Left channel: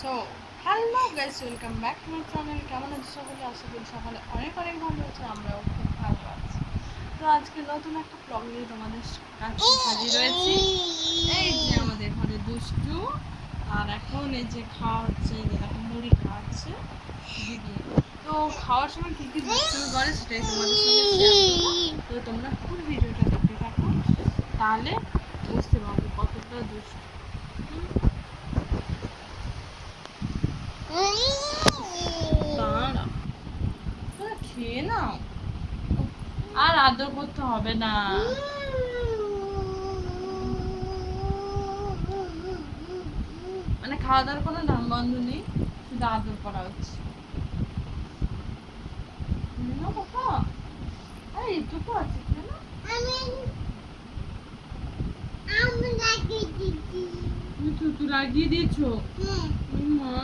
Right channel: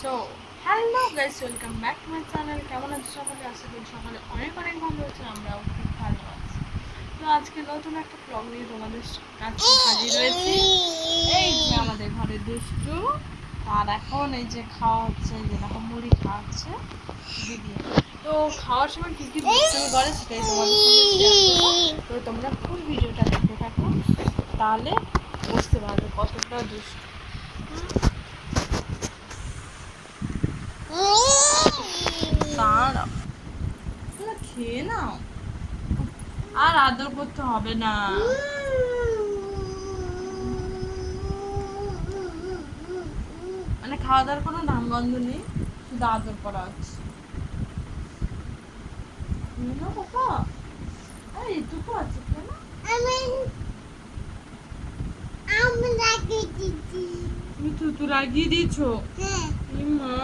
So hello guys, welcome back to my channel. কেমন আছো সকলে? আশা করি সকালে অনেক অনেক ভালো আছে, আমরাও খুব ভালো আছি। তো আজকে নতুন একটা ব্লগ নিয়ে তোমাদের কাছে হাজির হয়েছি। এই যে আমাদের ঘরে দুষ্টু, আর এখন এই যে খাওয়া হচ্ছে, এই যে দেখো মুড়ি খাওয়া হচ্ছে দিদি। তো খাওয়ার সময় কী কী দুষ্টুমি করে সেটাই তোমাদের সঙ্গে শেয়ার করবো। তো তোমরা ফুল ভিডিওটা দেখতে থাকো, তাহলে বুঝতে পারবে কতটা দুষ্টু। দাঁড়াও, খেয়ে নাও, আর আদর করতে হবে না। মানে খাওয়া দাওয়ার কোনো নাম গন্ধ নেই, শুধু আদর করা হচ্ছে। পাপা এইটুকু আছে কেন? তুমি থুতু লাগিয়ে দিয়েছো? মা,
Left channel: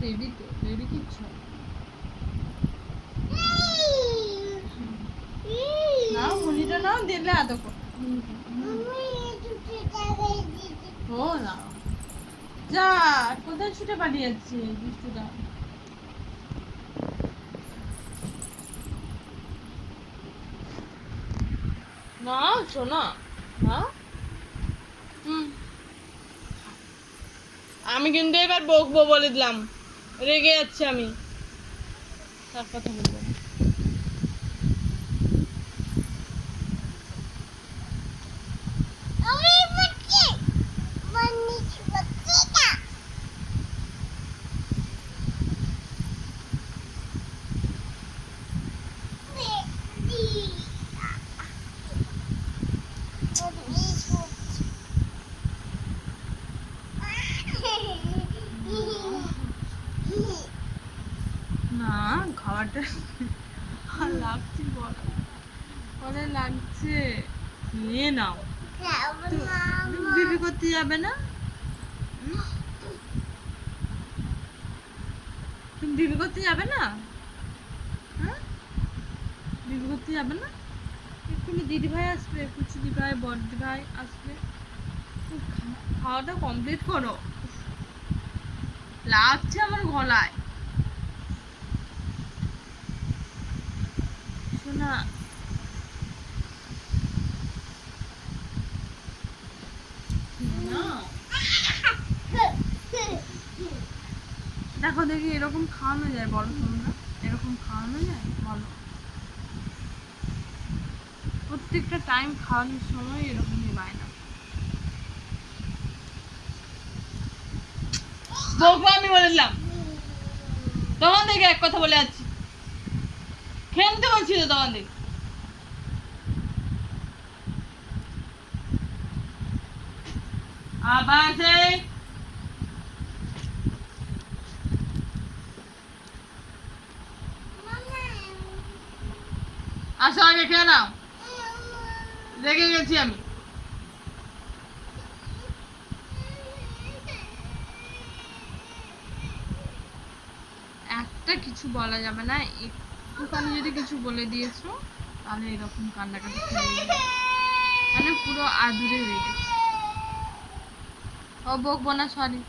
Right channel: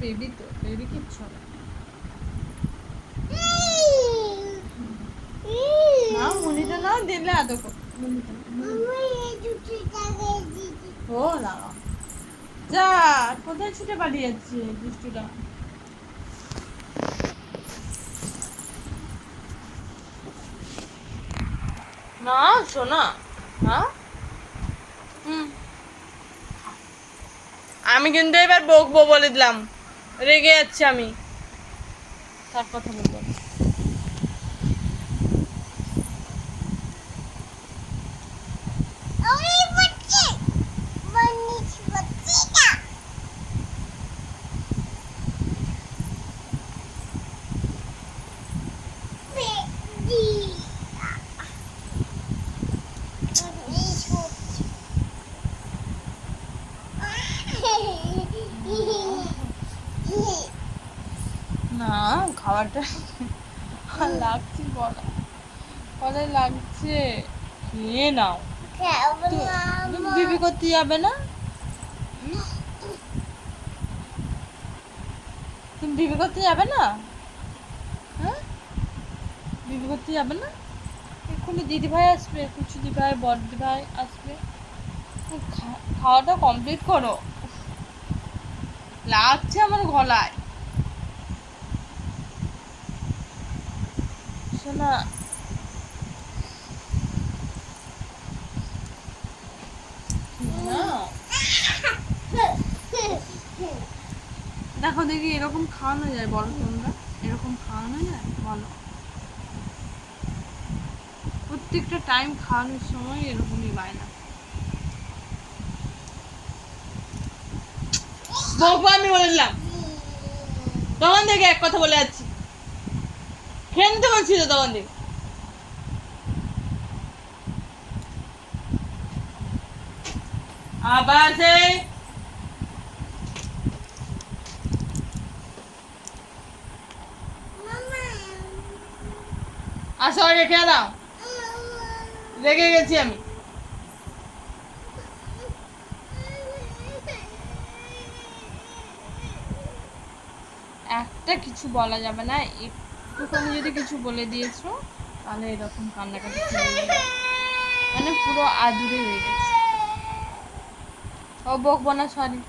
বেবি তো, বেবি কিচ্ছু হবে না। মুনিটা নাও, দিলে আদর করো। ও না, যা, কোথায় ছুটে পালিয়ে যাচ্ছে দুষ্টুটা? না শোনা, হ্যাঁ আমি কিন্তু এবার বকবো বলে দিলাম, রেগে যাচ্ছি আমি, তার কথা বলবো। না খাবারটা লাগছে, গলায় লাগছে, নিয়ে নাও। তুমি বিবি করতে যাবে না? তুমি বিবি করতে যাবে না? হ্যাঁ, বিবি করতে যাবে না? এক্ষুনি দিদি ভাই আসবে, কুচু দিদি ভাই, বড় দিদি ভাই আসবে। খাওয়াটা কমপ্লিট করো, লাগছে আমার গলায়। শোনা, দেখো দেখি এরকম খাওয়ানো যায়? বলো তোমরা, এরকম খাওয়ানো যায়? বলো। প্রত্যেকটা টাইম খাওয়ানোর সময় এরকমই বায়না। বকবো আমি বলে দিলাম, তখন থেকে এক কথা বলে যাচ্ছি, খেয়ে নিতে বলছি তো তখন থেকে। আবার সেই আসো, আগে খেয়ে নাও, রেগে গেছি আমি। একটা কিছু বলা যাবে না, একটুখানি যদি কিছু বলে দিয়েছো তাহলে এরকম কান্নাকাটি শুরু হয়ে যাবে, মানে পুরো আদুরে হয়ে গেছে। ও বকবো না, সরি,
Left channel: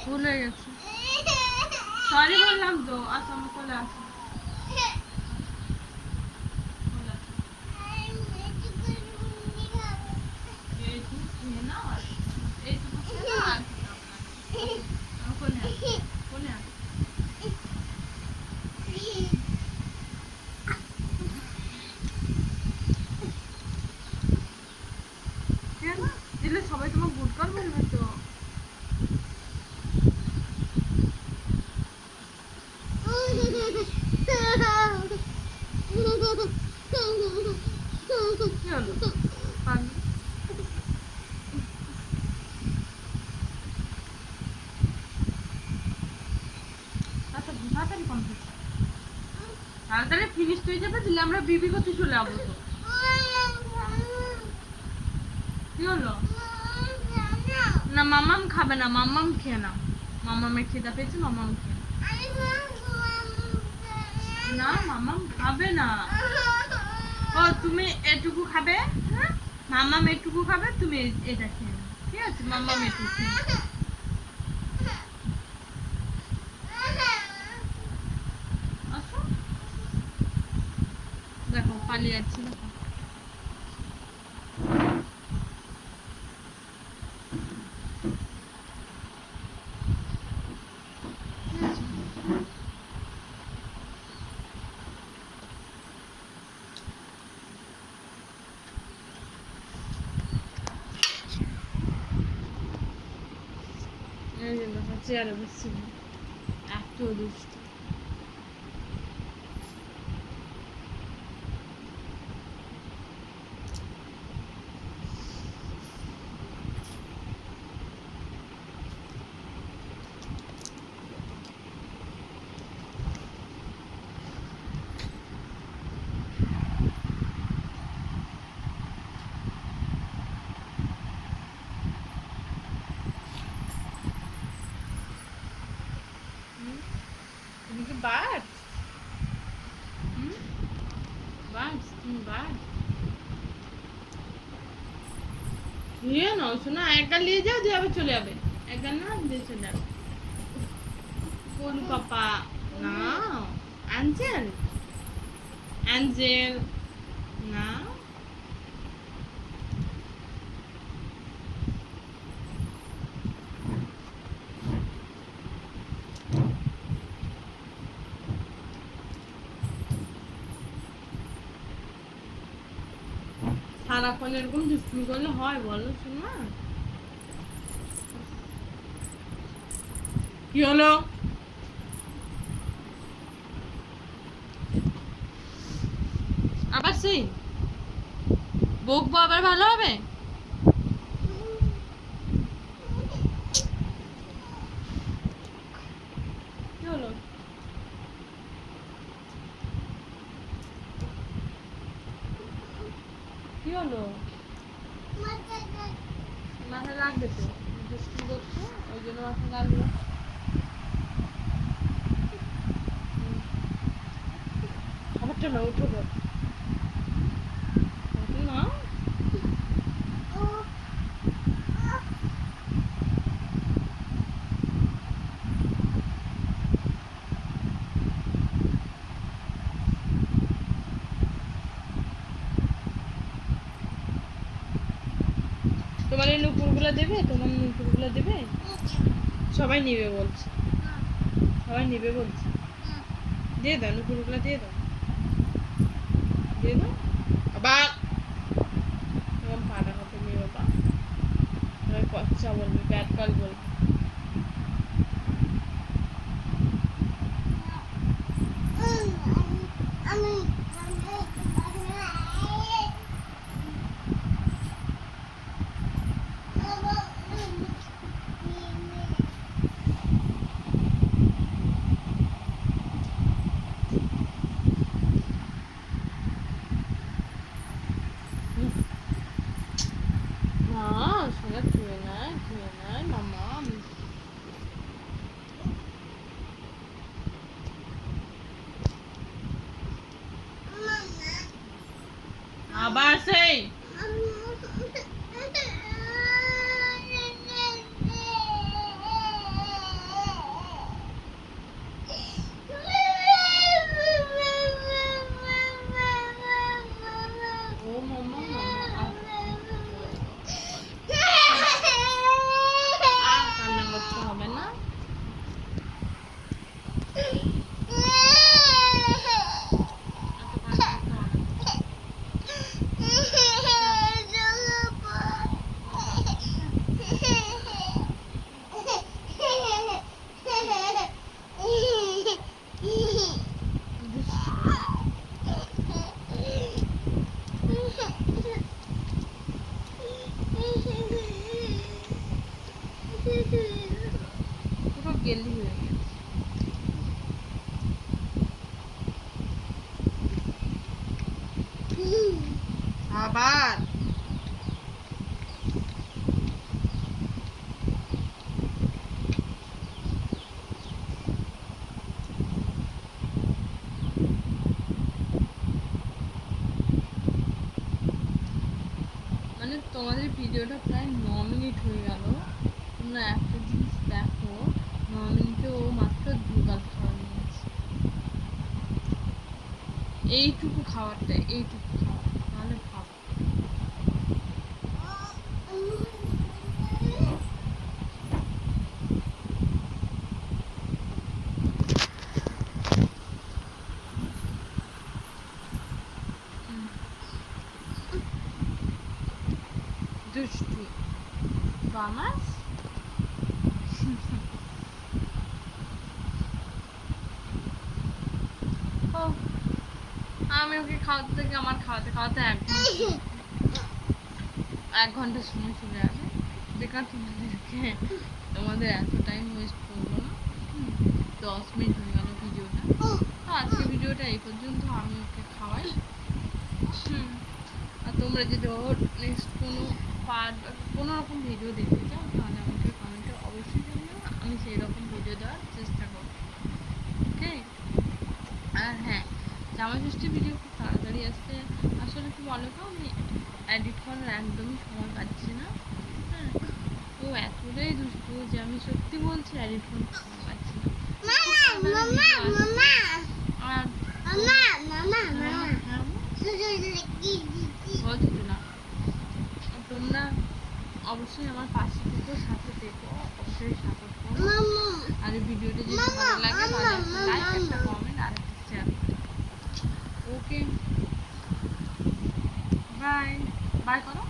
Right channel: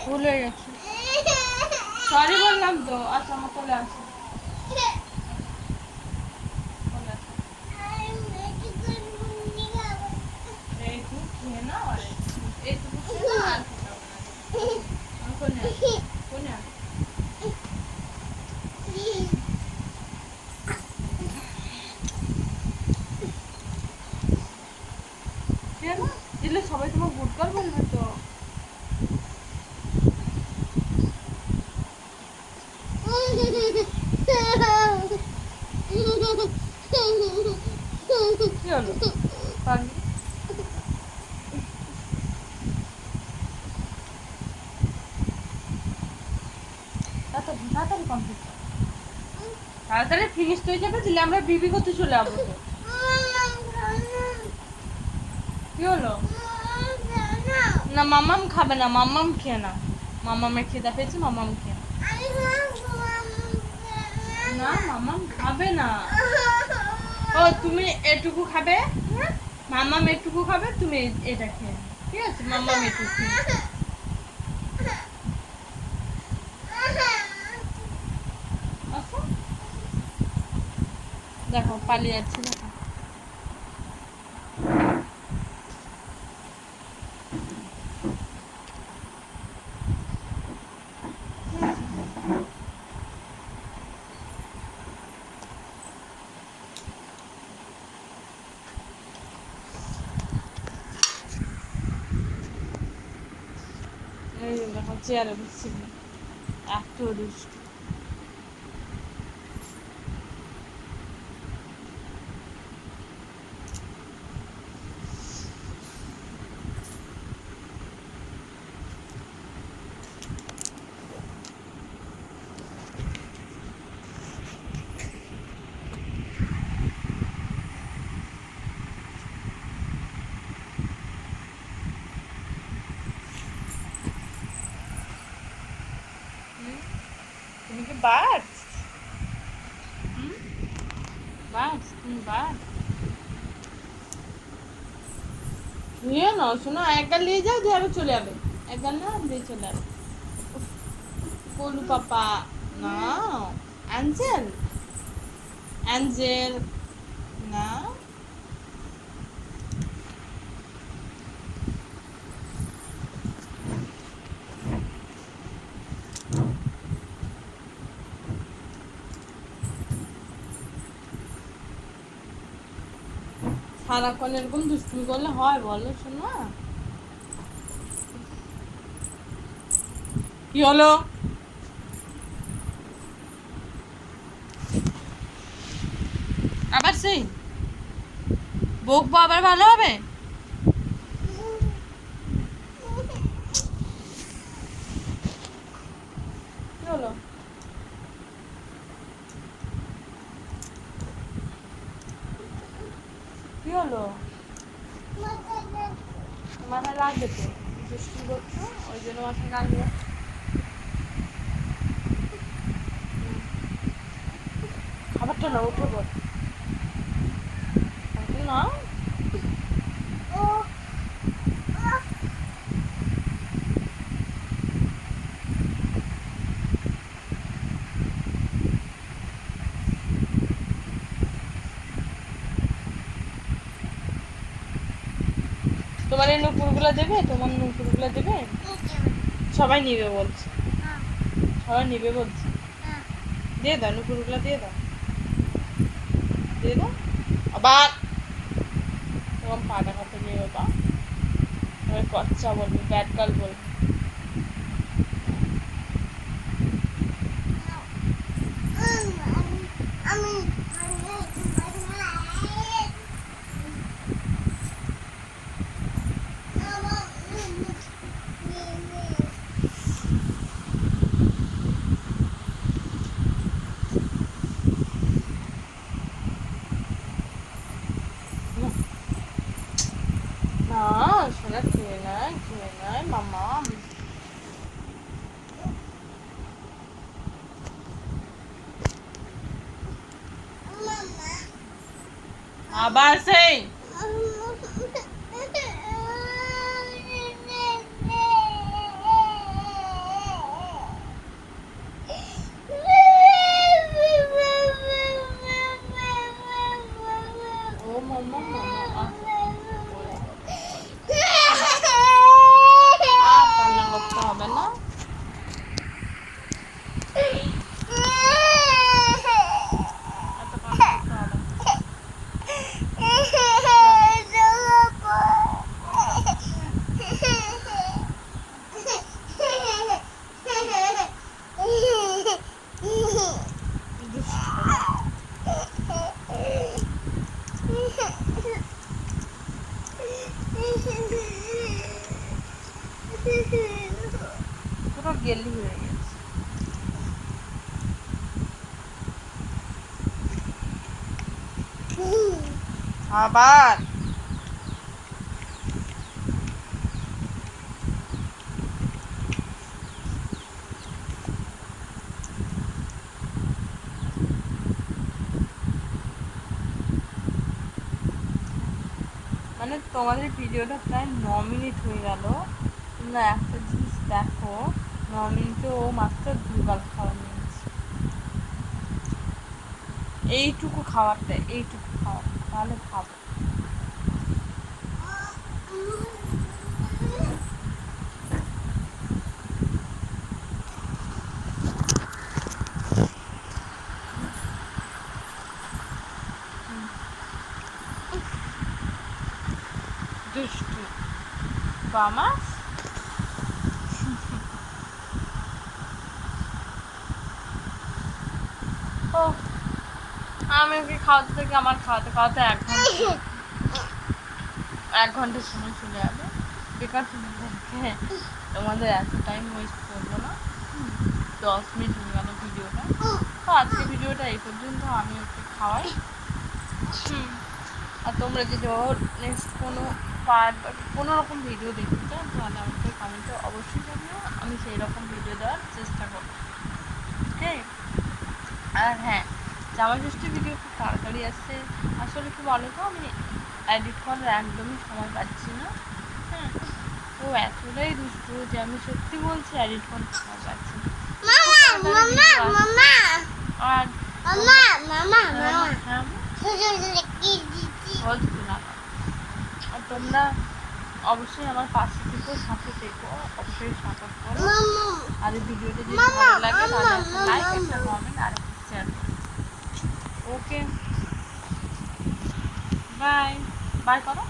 ভুল হয়ে গেছে, সরি বললাম তো। আচ্ছা আমার কোলে আসো, এইটুকু খেয়ে নাও, আর এইটুকু খেয়ে নাও, আর খেতে হবে না। কোনে আসো, কোনে আসো। কেন দিলে সবাই তোমার গুডকার বলবে তো? কি হলো পাগলি? তাড়াতাড়ি কমপ্লিট করো, তাড়াতাড়ি ফিনিশ হয়ে যাবে, দিলে আমরা বিবি করতে চলে যাবো তো। কি হলো? না মাম্মাম খাবে না, মাম্মাম খেয়ে নাও, মাম্মামের খিদা পেয়েছে, মাম্মাম খেয়ে নাও। না মাম্মাম খাবে না। ও তুমি এটুকু খাবে? মাম্মাম এটুকু খাবে, তুমি এটা খেয়ে নাও। ঠিক আছে মাম্মা মেটু আসো দেখো পালিয়ে যাচ্ছে দেখো এই যে দেখো চেয়ারে বসছি এত দুষ্ট তুমি কি বাস বাস তুমি বাস নিয়ে নাও শোনো একবার নিয়ে যাও দিয়ে আবার চলে যাবে একবার না দিয়ে চলে যাবে কোলু পাপা না অ্যাঞ্জেল অ্যাঞ্জেল না সারাক্ষণ এরকম দুষ্টুমি করলে হয় বলো শোনা কি হলো আবার সেই বকবো আবার ভালো হবে কি হলো কি হলো মাথায় লাগবে তো দুষ্টুমি করছো ওই জন্য মাথায় লাগবে খাবারটা না উঠে বল না তোমার এই নুপুরগুলো দেবে তোমার নুপুরগুলো দেবে সবাই নিবে বলছে সবাই নিবে বলছে দিয়ে দাও নুপুরগুলো দিয়ে দাও দিয়ে দাও আবার তোমার পাটা খাতে নিয়ে বাবা ওই কচ্চা বলবি ব্যাট গার্ল বলবি না শোনা খেয়ে নেয় মামা আবার সেই ও মামা কান্না করতে হবে না এত কান্না করতে হবে পুরো গেলি হয়ে গেছে আবার মানে তোমাদের ভিডিওটা প্রায় 9 মিনিট হয়ে গেল। তোমরা একটা জিনিস দেখো, 9 মিনিটে ও মাত্র 2 গাল খাওয়া নিয়েছে। এইটুকু খাওয়া, তাহলে ভাবো। দুষ্টু বামাস। ও আমি ওকে খাওয়াতে থাকি, আমার খাওয়াতে খাওয়াতে 1 ঘন্টা সময় চলে যাবে। বেকার তোমাদের এত টাইম ওয়েস্ট করবো না। 10 মিনিট হয়ে গেল ভিডিওটা। তো আজকে ভিডিওটা এই পর্যন্ত, আমি ওকে খাওয়াই। আর তোমরা যদি ওর নেক্সট কোনো পার্ট বা কোনো রকম ভিডিও দেখতে চাও তাহলে আমাকে কমেন্টে অবশ্যই জানিও, আমি সেই রকম ভিডিও দেওয়ার চেষ্টা করব। ওকে। আর হ্যাঁ, জামাই ষষ্ঠীর ভিডিও খুব তাড়াতাড়ি আসছে। আসলে কি বলো তো, আমি এডিট করার একদমই সময় পাচ্ছি না। হ্যাঁ, ও এতটাই দুষ্টু যে আমি সত্যি বলছি এডিট করতে সময় পাচ্ছি না। আর তোমরা অবশ্যই আমার পাশে থেকো, সাথে থেকো, অবশ্যই সাপোর্ট করো। আর এই ভিডিওটা যদি ভালো লাগে তাহলে একটা লাইক, একটা কমেন্ট আর একটা শেয়ার করো। ওকে, বাই বাই করো।